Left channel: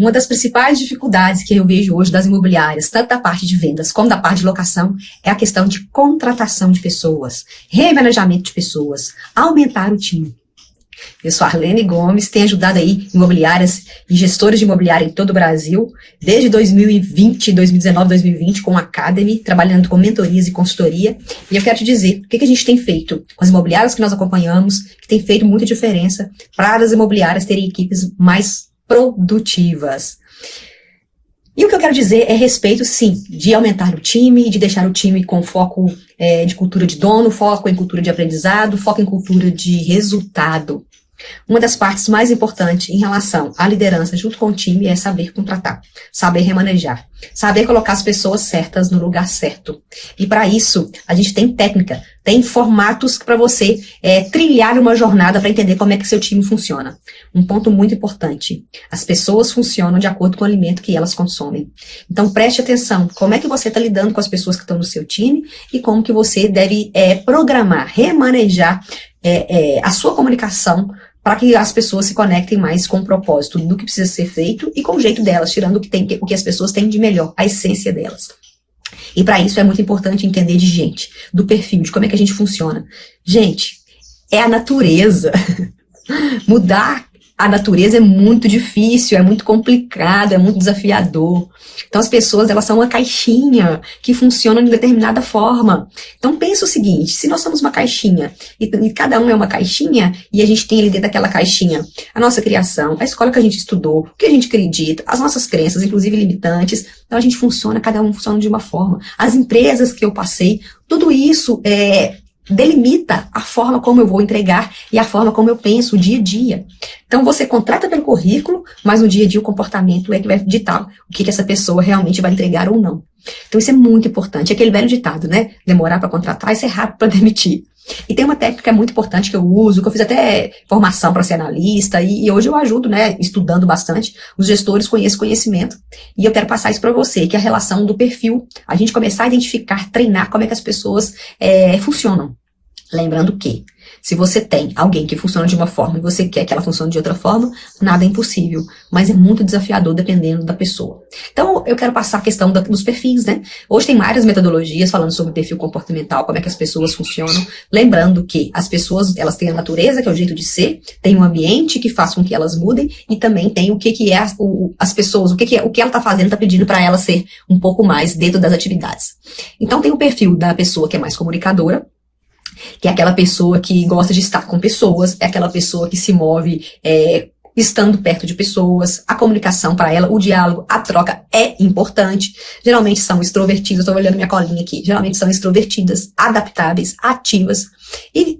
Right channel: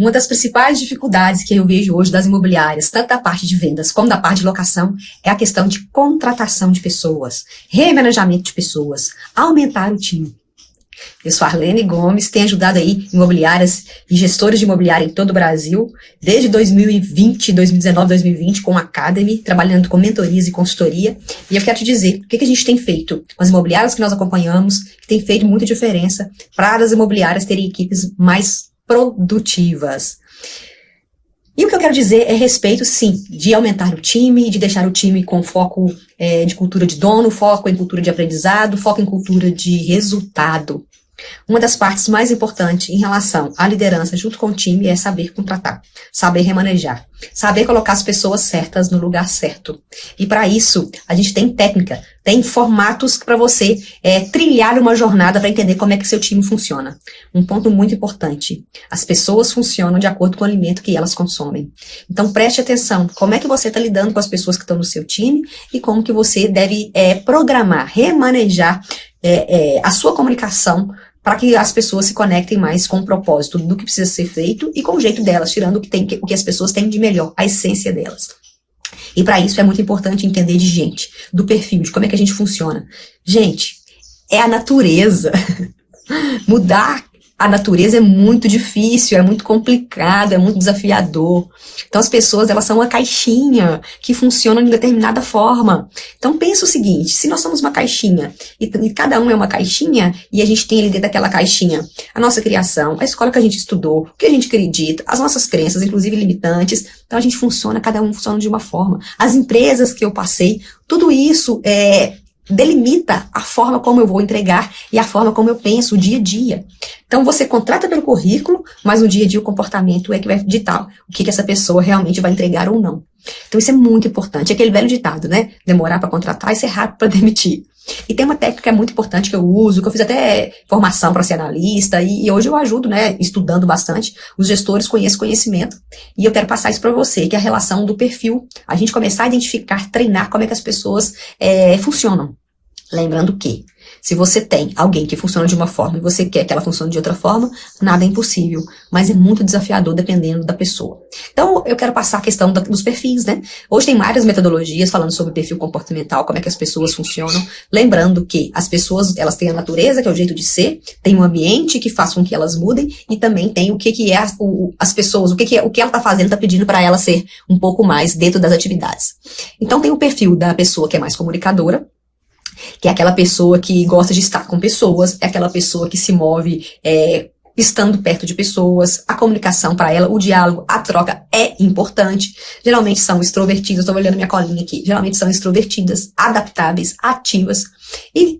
Uma das principais dificuldades que eu vejo hoje nas imobiliárias, tanto da parte de vendas como da parte de locação, é a questão de contratação de pessoas, remanejamento de pessoas, aumentar o time. Eu sou Arlene Gomes, tenho ajudado aí imobiliárias e gestores de imobiliária em todo o Brasil, desde 2020, 2019, 2020, com a Academy, trabalhando com mentorias e consultoria. E eu quero te dizer o que a gente tem feito com as imobiliárias que nós acompanhamos, que tem feito muita diferença para as imobiliárias terem equipes mais produtivas. E o que eu quero dizer é a respeito, sim, de aumentar o time, de deixar o time com foco de cultura de dono, foco em cultura de aprendizado, foco em cultura de resultado. Uma das partes mais importantes em relação à liderança junto com o time é saber contratar, saber remanejar, saber colocar as pessoas certas no lugar certo. E para isso, a gente tem técnica, tem formatos para você trilhar uma jornada para entender como é que seu time funciona. Um ponto muito importante, as pessoas funcionam de acordo com o alimento que elas consomem. Então preste atenção, como é que você está lidando com as pessoas que estão no seu time e como que você deve programar, remanejar a sua comunicação para que as pessoas se conectem mais com o propósito do que precisa ser feito e com o jeito delas, tirando o que as pessoas têm de melhor, a essência delas. E para isso é muito importante entender de gente, do perfil, de como é que a gente funciona. Gente, é a natureza. Mudar a natureza é muito difícil, é muito complicado, é muito desafiador. Então as pessoas, elas são uma caixinha que funciona de determinada forma. Então pensa o seguinte, se nós somos uma caixinha e cada um é uma caixinha e a gente tem ali dentro daquela caixinha a nossa criação, a escola que a gente estudou, o que a gente acredita, as nossas crenças, inclusive limitantes, então a gente funciona, cada um funciona de uma forma. As empresas que eu passei, tudo isso delimita a forma como eu vou entregar e a forma como eu penso o dia a dia. Então você contrata pelo currículo, mas no dia a dia o comportamento é que vai ditar o que essa pessoa realmente vai entregar ou não. Então isso é muito importante. É aquele velho ditado, né? Demorar para contratar e ser rápido para demitir. E tem uma técnica muito importante que eu uso, que eu fiz até formação para ser analista, e hoje eu ajudo, né, estudando bastante, os gestores com esse conhecimento. E eu quero passar isso para você, que é a relação do perfil, a gente começar a identificar, treinar como é que as pessoas funcionam. Lembrando que, se você tem alguém que funciona de uma forma e você quer que ela funcione de outra forma, nada é impossível, mas é muito desafiador dependendo da pessoa. Então, eu quero passar a questão dos perfis, né? Hoje tem várias metodologias falando sobre o perfil comportamental, como é que as pessoas funcionam. Lembrando que as pessoas, elas têm a natureza, que é o jeito de ser, tem um ambiente que faz com que elas mudem e também tem o que é as pessoas, o que ela está fazendo, está pedindo para ela ser um pouco mais dentro das atividades. Então, tem o perfil da pessoa que é mais comunicadora, que é aquela pessoa que gosta de estar com pessoas, é aquela pessoa que se move estando perto de pessoas, a comunicação para ela, o diálogo, a troca é importante. Geralmente são extrovertidas, estou olhando minha colinha aqui, geralmente são extrovertidas, adaptáveis, ativas e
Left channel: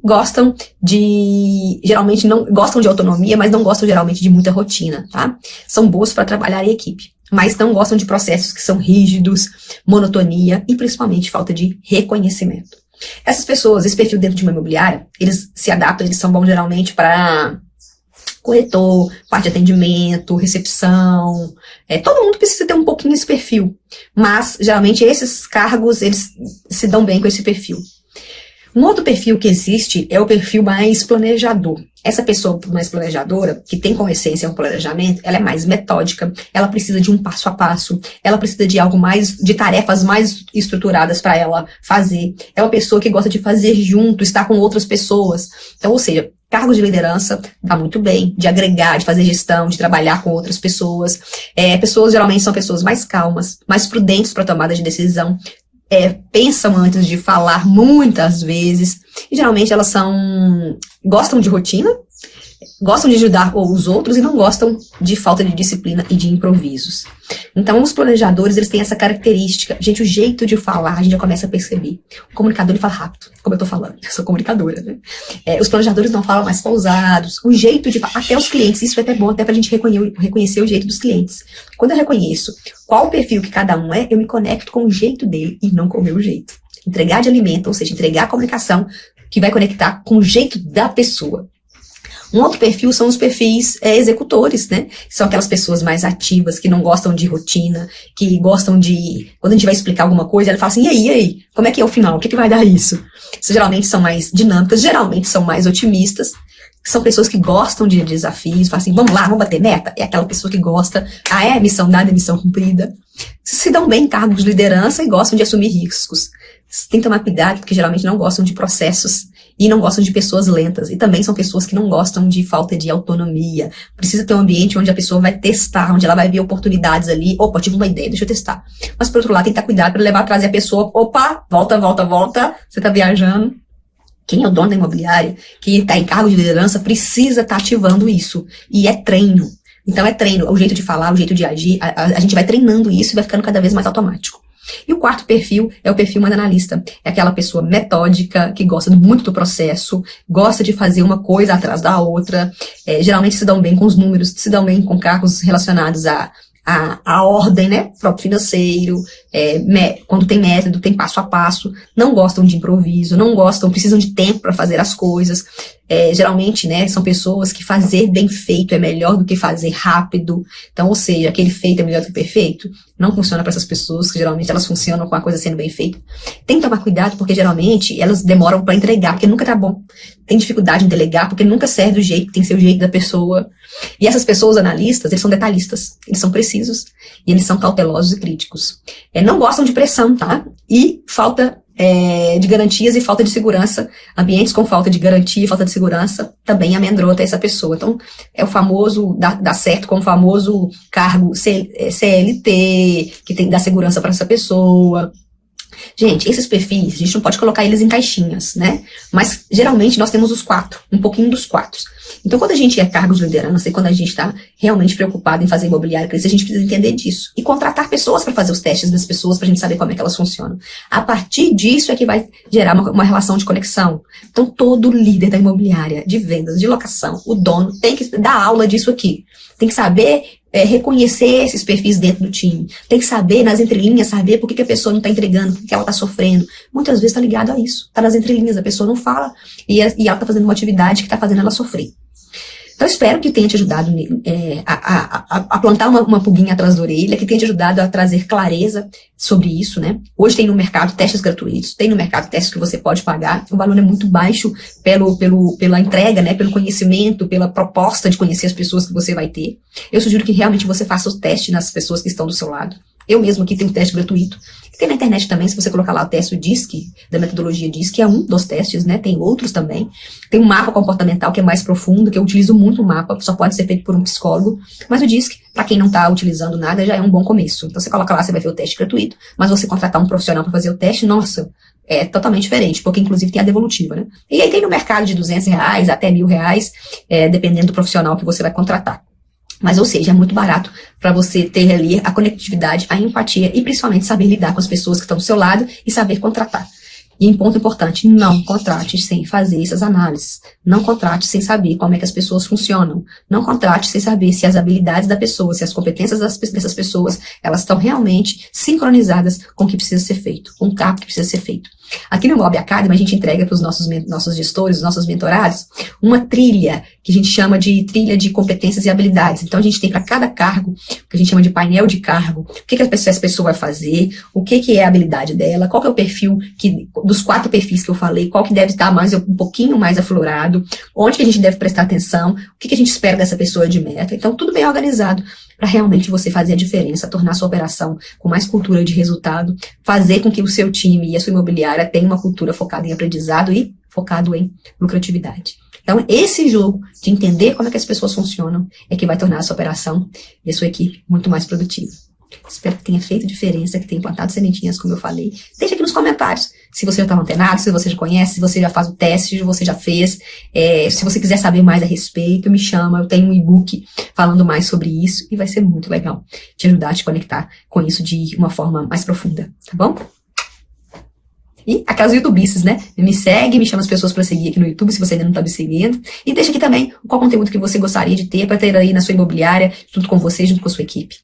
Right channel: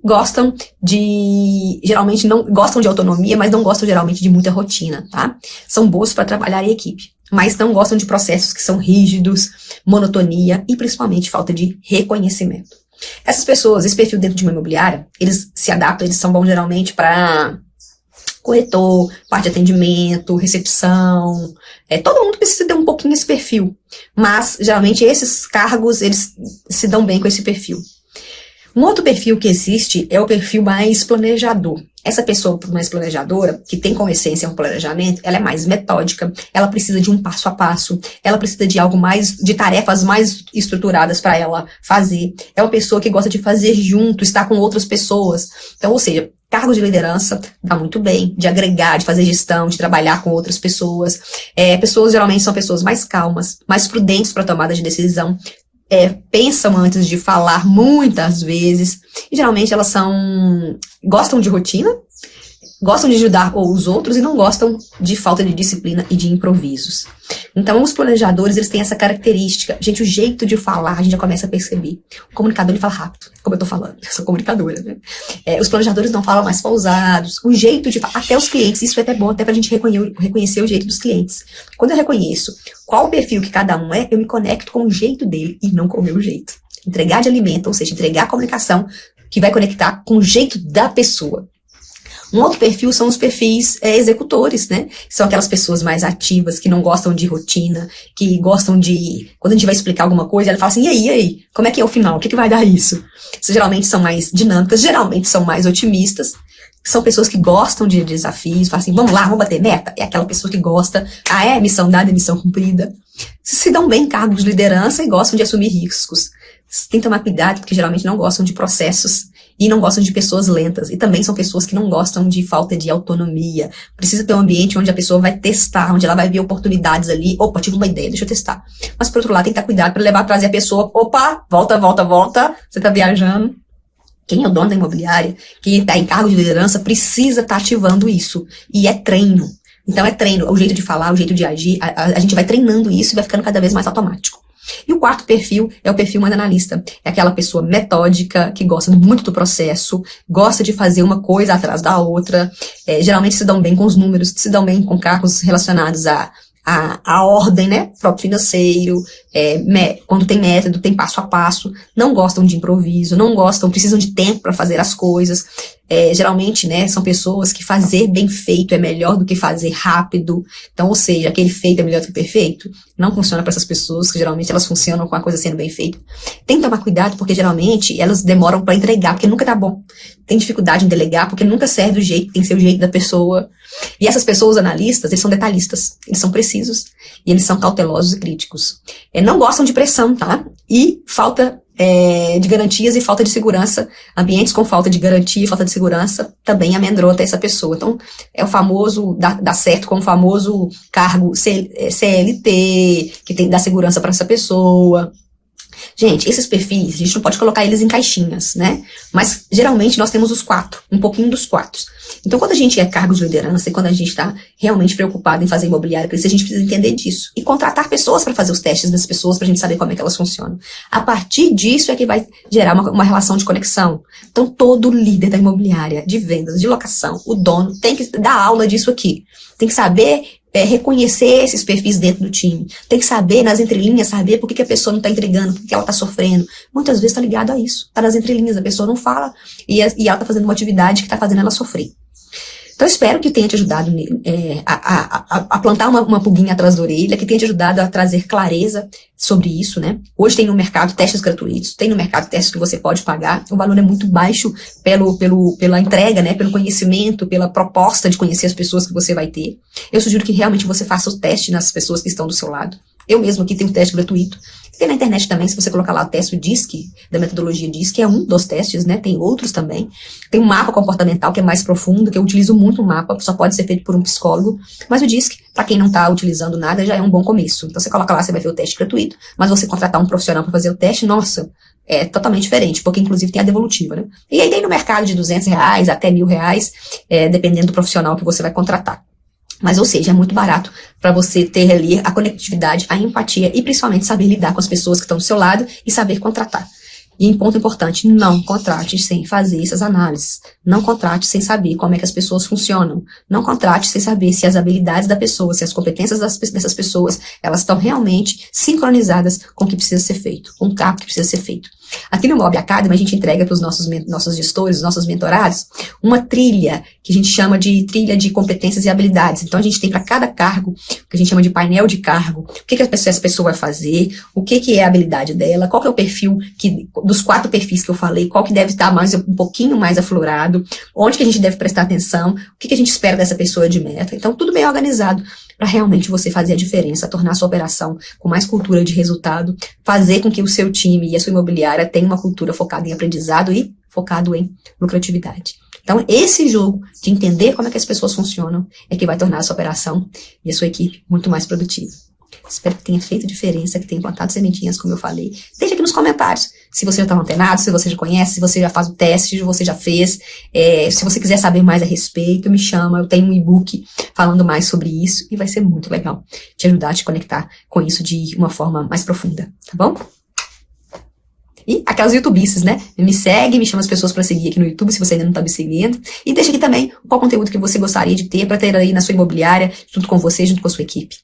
geralmente não gostam de autonomia, mas não gostam geralmente de muita rotina, tá? São boas para trabalhar em equipe, mas não gostam de processos que são rígidos, monotonia e principalmente falta de reconhecimento. Essas pessoas, esse perfil dentro de uma imobiliária, eles se adaptam, eles são bons geralmente para corretor, parte de atendimento, recepção, todo mundo precisa ter um pouquinho esse perfil, mas geralmente esses cargos, eles se dão bem com esse perfil. Um outro perfil que existe é o perfil mais planejador. Essa pessoa mais planejadora, que tem como essência um planejamento, ela é mais metódica, ela precisa de um passo a passo, ela precisa de de tarefas mais estruturadas para ela fazer. É uma pessoa que gosta de fazer junto, estar com outras pessoas. Então, ou seja, cargos de liderança dá muito bem, de agregar, de fazer gestão, de trabalhar com outras pessoas. Pessoas geralmente são pessoas mais calmas, mais prudentes para tomada de decisão. Pensam antes de falar muitas vezes, e geralmente elas gostam de rotina, gostam de ajudar os outros e não gostam de falta de disciplina e de improvisos. Então, os planejadores, eles têm essa característica. Gente, o jeito de falar, a gente já começa a perceber. O comunicador, ele fala rápido, como eu tô falando. Eu sou comunicadora. Os planejadores não falam mais pausados. O jeito de falar, até os clientes, isso é até bom, até pra gente reconhecer o jeito dos clientes. Quando eu reconheço qual o perfil que cada um é, eu me conecto com o jeito dele e não com o meu jeito. Entregar de alimento, ou seja, entregar a comunicação que vai conectar com o jeito da pessoa. Um outro perfil são os perfis executores, né? São aquelas pessoas mais ativas, que não gostam de rotina, que gostam de... Quando a gente vai explicar alguma coisa, ela fala assim, e aí? Como é que é o final? O que vai dar isso? Geralmente são mais dinâmicas, geralmente são mais otimistas. São pessoas que gostam de desafios, falam assim, vamos lá, vamos bater meta. É aquela pessoa que gosta, missão dada, missão cumprida. Se dão bem em cargos de liderança e gostam de assumir riscos. Tem que tomar cuidado, porque geralmente não gostam de processos e não gostam de pessoas lentas. E também são pessoas que não gostam de falta de autonomia. Precisa ter um ambiente onde a pessoa vai testar, onde ela vai ver oportunidades ali. Opa, tive uma ideia, deixa eu testar. Mas, por outro lado, tem que estar cuidado para trazer a pessoa, opa, volta, você está viajando. Quem é o dono da imobiliária, quem está em cargo de liderança, precisa estar ativando isso. E é treino. Então é treino, o jeito de falar, o jeito de agir. A gente vai treinando isso e vai ficando cada vez mais automático. E o quarto perfil é o perfil mais analista. É aquela pessoa metódica, que gosta muito do processo, gosta de fazer uma coisa atrás da outra. Geralmente se dão bem com os números, se dão bem com cargos relacionados a ordem, né? Próprio financeiro, quando tem método, tem passo a passo, não gostam de improviso, não gostam, precisam de tempo para fazer as coisas. Geralmente, né, são pessoas que fazer bem feito é melhor do que fazer rápido. Então, ou seja, aquele feito é melhor do que o perfeito. Não funciona para essas pessoas, que geralmente elas funcionam com a coisa sendo bem feita. Tem que tomar cuidado, porque geralmente elas demoram para entregar, porque nunca tá bom. Tem dificuldade em delegar, porque nunca serve do jeito, tem que ser o jeito da pessoa. E essas pessoas analistas, eles são detalhistas, eles são precisos, e eles são cautelosos e críticos. Não gostam de pressão, tá? E falta de garantias e falta de segurança. Ambientes com falta de garantia e falta de segurança também amedronta essa pessoa. Então, é o famoso, dá certo com o famoso cargo CLT, que tem que dar segurança para essa pessoa. Gente, esses perfis, a gente não pode colocar eles em caixinhas, né? Mas, geralmente, nós temos os quatro, um pouquinho dos quatro. Então, quando a gente é cargo de liderança e quando a gente está realmente preocupado em fazer imobiliário, a gente precisa entender disso. E contratar pessoas para fazer os testes das pessoas, para a gente saber como é que elas funcionam. A partir disso é que vai gerar uma relação de conexão. Então, todo líder da imobiliária, de vendas, de locação, o dono, tem que dar aula disso aqui. Tem que saber reconhecer esses perfis dentro do time. Tem que saber, nas entrelinhas, saber por que a pessoa não está entregando, por que ela está sofrendo. Muitas vezes está ligado a isso. Está nas entrelinhas, a pessoa não fala e ela está fazendo uma atividade que está fazendo ela sofrer. Então, espero que tenha te ajudado a plantar uma pulguinha atrás da orelha, que tenha te ajudado a trazer clareza sobre isso, né? Hoje tem no mercado testes gratuitos, tem no mercado testes que você pode pagar, o valor é muito baixo pela entrega, né? Pelo conhecimento, pela proposta de conhecer as pessoas que você vai ter. Eu sugiro que realmente você faça o teste nas pessoas que estão do seu lado. Eu mesmo aqui tenho um teste gratuito. Tem na internet também, se você colocar lá o teste, o DISC, da metodologia DISC, é um dos testes, né? Tem outros também. Tem um mapa comportamental que é mais profundo, que eu utilizo muito o mapa, só pode ser feito por um psicólogo. Mas o DISC, para quem não está utilizando nada, já é um bom começo. Então você coloca lá, você vai ver o teste gratuito, mas você contratar um profissional para fazer o teste, nossa, é totalmente diferente, porque inclusive tem a devolutiva, né? E aí tem no mercado de R$200 até R$1.000, dependendo do profissional que você vai contratar. Mas, ou seja, é muito barato para você ter ali a conectividade, a empatia e principalmente saber lidar com as pessoas que estão do seu lado e saber contratar. E um ponto importante, não contrate sem fazer essas análises. Não contrate sem saber como é que as pessoas funcionam. Não contrate sem saber se as habilidades da pessoa, se as competências dessas pessoas, elas estão realmente sincronizadas com o que precisa ser feito, com o que precisa ser feito. Aqui no Mob Academy, a gente entrega para os nossos gestores, nossos mentorados, uma trilha, que a gente chama de trilha de competências e habilidades. Então, a gente tem para cada cargo, que a gente chama de painel de cargo, o que essa pessoa vai fazer, o que é a habilidade dela, qual que é o perfil, dos 4 perfis que eu falei, qual que deve estar um pouquinho mais aflorado, onde que a gente deve prestar atenção, o que a gente espera dessa pessoa de meta. Então, tudo bem organizado para realmente você fazer a diferença, tornar a sua operação com mais cultura de resultado, fazer com que o seu time e a sua imobiliária tenham uma cultura focada em aprendizado e focado em lucratividade. Então, esse jogo de entender como é que as pessoas funcionam é que vai tornar a sua operação e a sua equipe muito mais produtiva. Espero que tenha feito diferença, que tenha plantado sementinhas, como eu falei. Deixa aqui nos comentários se você já está antenado, se você já conhece, se você já faz o teste, se você já fez. Se você quiser saber mais a respeito, me chama. Eu tenho um e-book falando mais sobre isso e vai ser muito legal te ajudar a te conectar com isso de uma forma mais profunda, tá bom? E aquelas youtubices, né? Me segue, me chama as pessoas para seguir aqui no YouTube, se você ainda não está me seguindo. E deixa aqui também qual conteúdo que você gostaria de ter para ter aí na sua imobiliária, junto com você, junto com a sua equipe.